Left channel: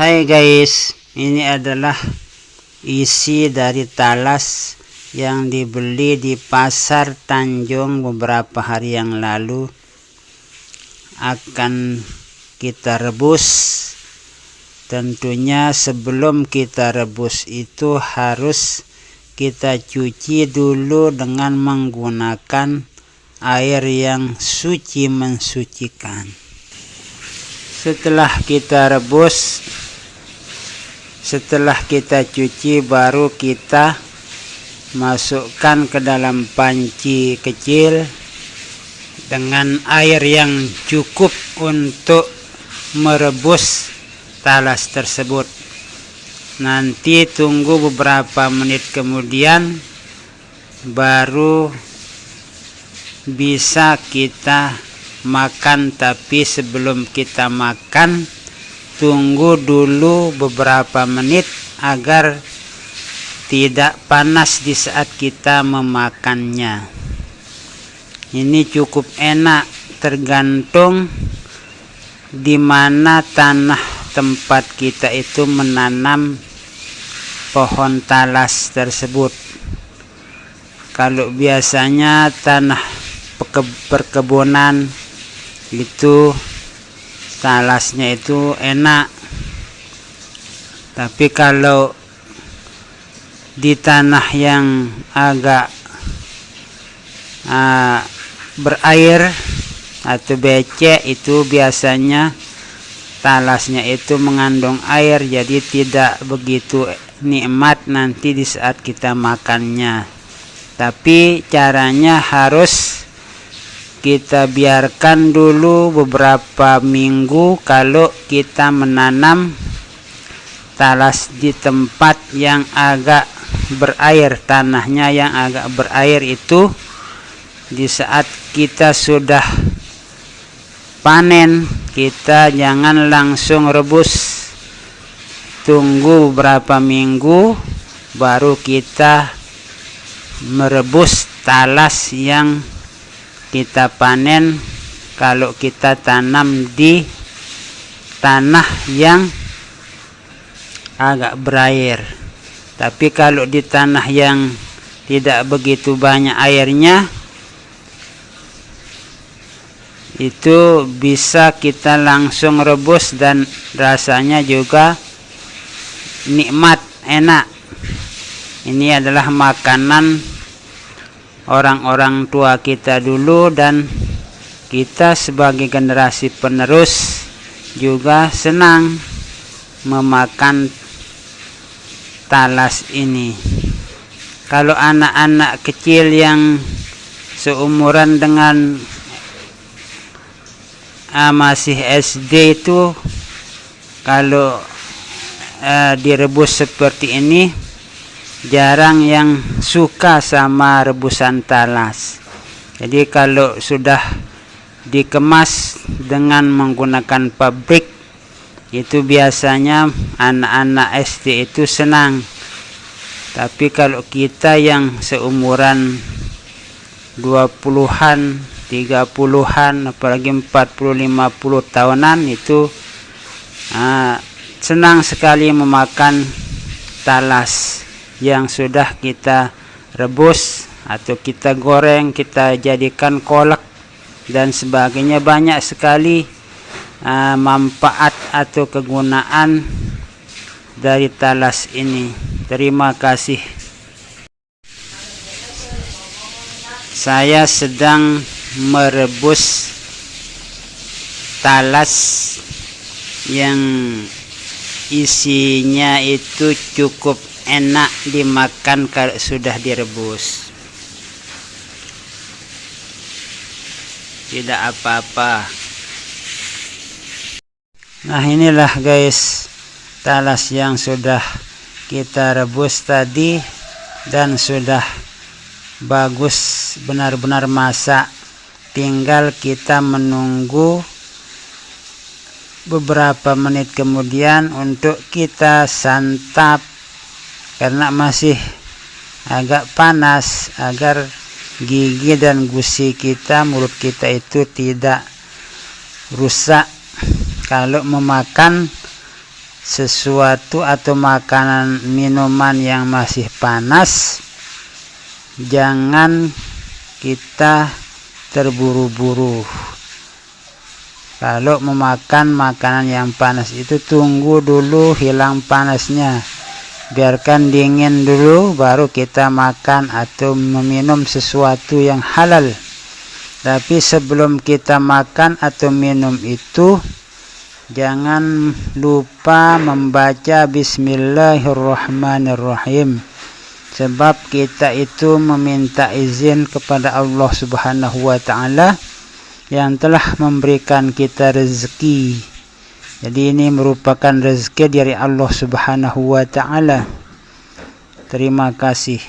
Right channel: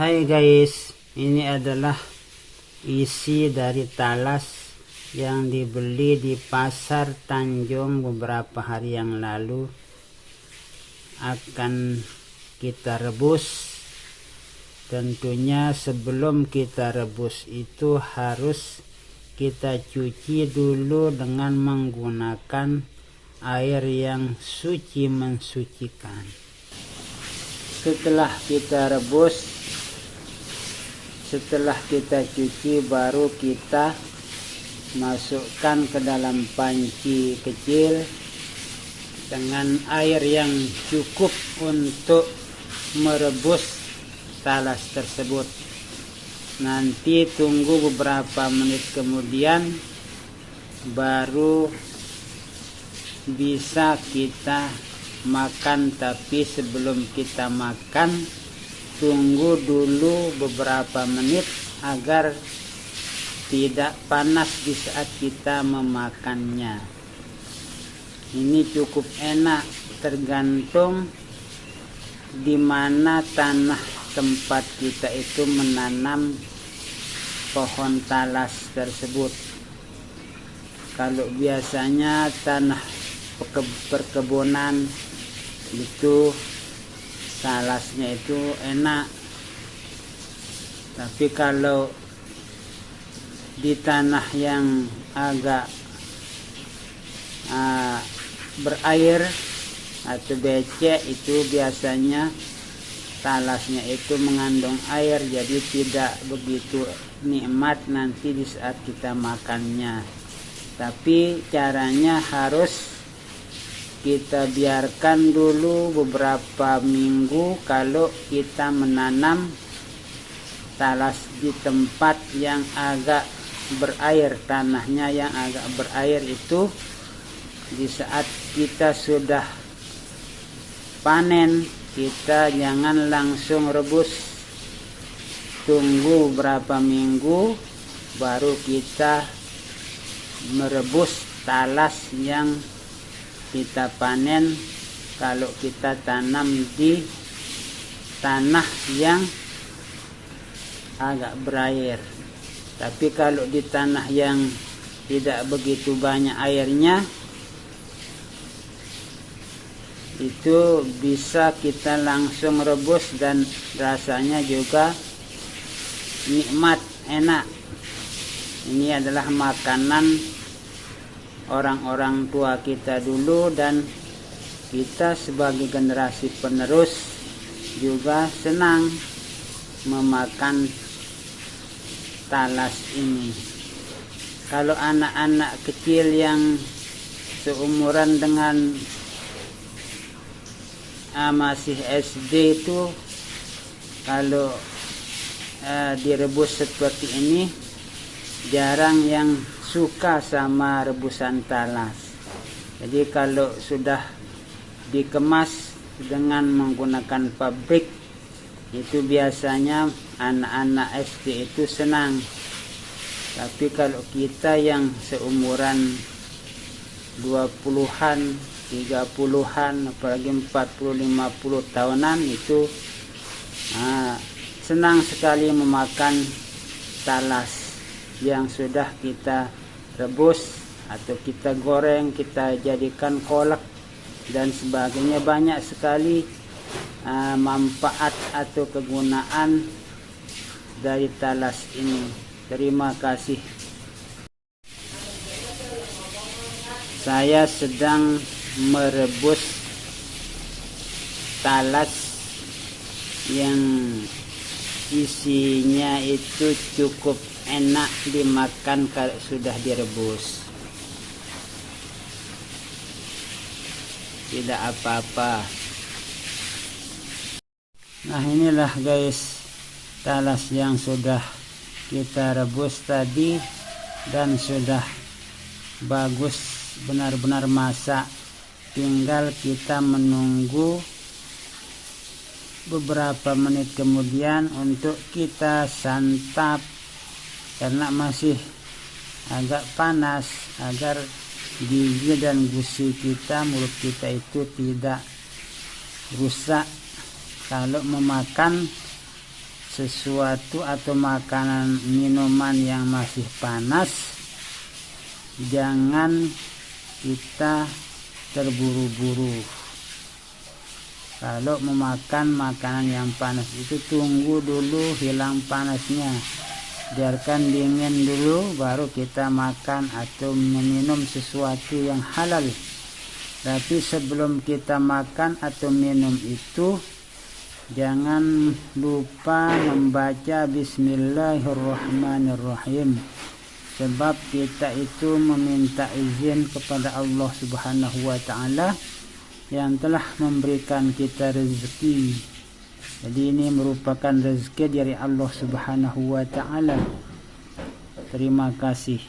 Hai guys, ini adalah isi dari talas yang dibeli di pasar Tanjung beberapa hari yang lalu. Akan kita rebus. Tentunya sebelum kita rebus itu harus kita cuci dulu dengan menggunakan air yang suci mensucikan. Setelah kita rebus, setelah kita cuci, baru kita masukkan ke dalam panci kecil dengan air yang cukup untuk merebus talas tersebut. Nanti tunggu beberapa menit kemudian baru bisa kita makan. Tapi sebelum kita makan, tunggu dulu beberapa menit agar tidak panas di saat kita memakannya. Ini cukup enak, tergantung di mana tanah tempat kita itu menanam pohon talas tersebut. Kalau biasanya tanah perkebunan itu talasnya itu enak, tapi kalau di tanah yang agak berair atau becek, itu biasanya talasnya itu mengandung air, jadi tidak begitu nikmat nanti di saat kita makannya. Tapi caranya harus kita biarkan dulu beberapa minggu kalau kita menanam talas di tempat yang agak berair. Tanahnya yang agak berair itu di saat kita sudah panen, kita jangan langsung rebus. Tunggu beberapa minggu baru kita merebus talas yang kita panen kalau kita tanam di tanah yang agak berair. Tapi kalau di tanah yang tidak begitu banyak airnya, itu bisa kita langsung rebus dan rasanya juga nikmat, enak. Ini adalah makanan orang-orang tua kita dulu, dan kita sebagai generasi penerus juga senang memakan talas ini. Kalau anak-anak kecil yang seumuran dengan masih SD itu, kalau direbus seperti ini, jarang yang suka sama rebusan talas. Jadi kalau sudah dikemas dengan menggunakan pabrik, itu biasanya anak-anak SD itu senang. Tapi kalau kita yang seumuran 20-an, 30-an, apalagi 40-50 tahunan itu senang sekali memakan talas yang sudah kita rebus atau kita goreng, kita jadikan kolak dan sebagainya. Banyak sekali manfaat atau kegunaan dari talas ini. Terima kasih. Saya sedang merebus talas yang isinya itu cukup enak dimakan kalau sudah direbus. Tidak apa-apa. Nah, inilah guys talas yang sudah kita rebus tadi dan sudah bagus, benar-benar masak. Tinggal kita menunggu beberapa menit kemudian untuk kita santap, karena masih agak panas, agar gigi dan gusi kita, mulut kita itu tidak rusak kalau memakan sesuatu atau makanan minuman yang masih panas, jangan kita terburu-buru. Kalau memakan makanan yang panas itu tunggu dulu hilang panasnya, biarkan dingin dulu baru kita makan atau meminum sesuatu yang halal. Tapi sebelum kita makan atau minum itu, jangan lupa membaca Bismillahirrahmanirrahim, sebab kita itu meminta izin kepada Allah Subhanahu wa ta'ala yang telah memberikan kita rezeki. Jadi ini merupakan rezeki dari Allah Subhanahu wa ta'ala. Terima kasih.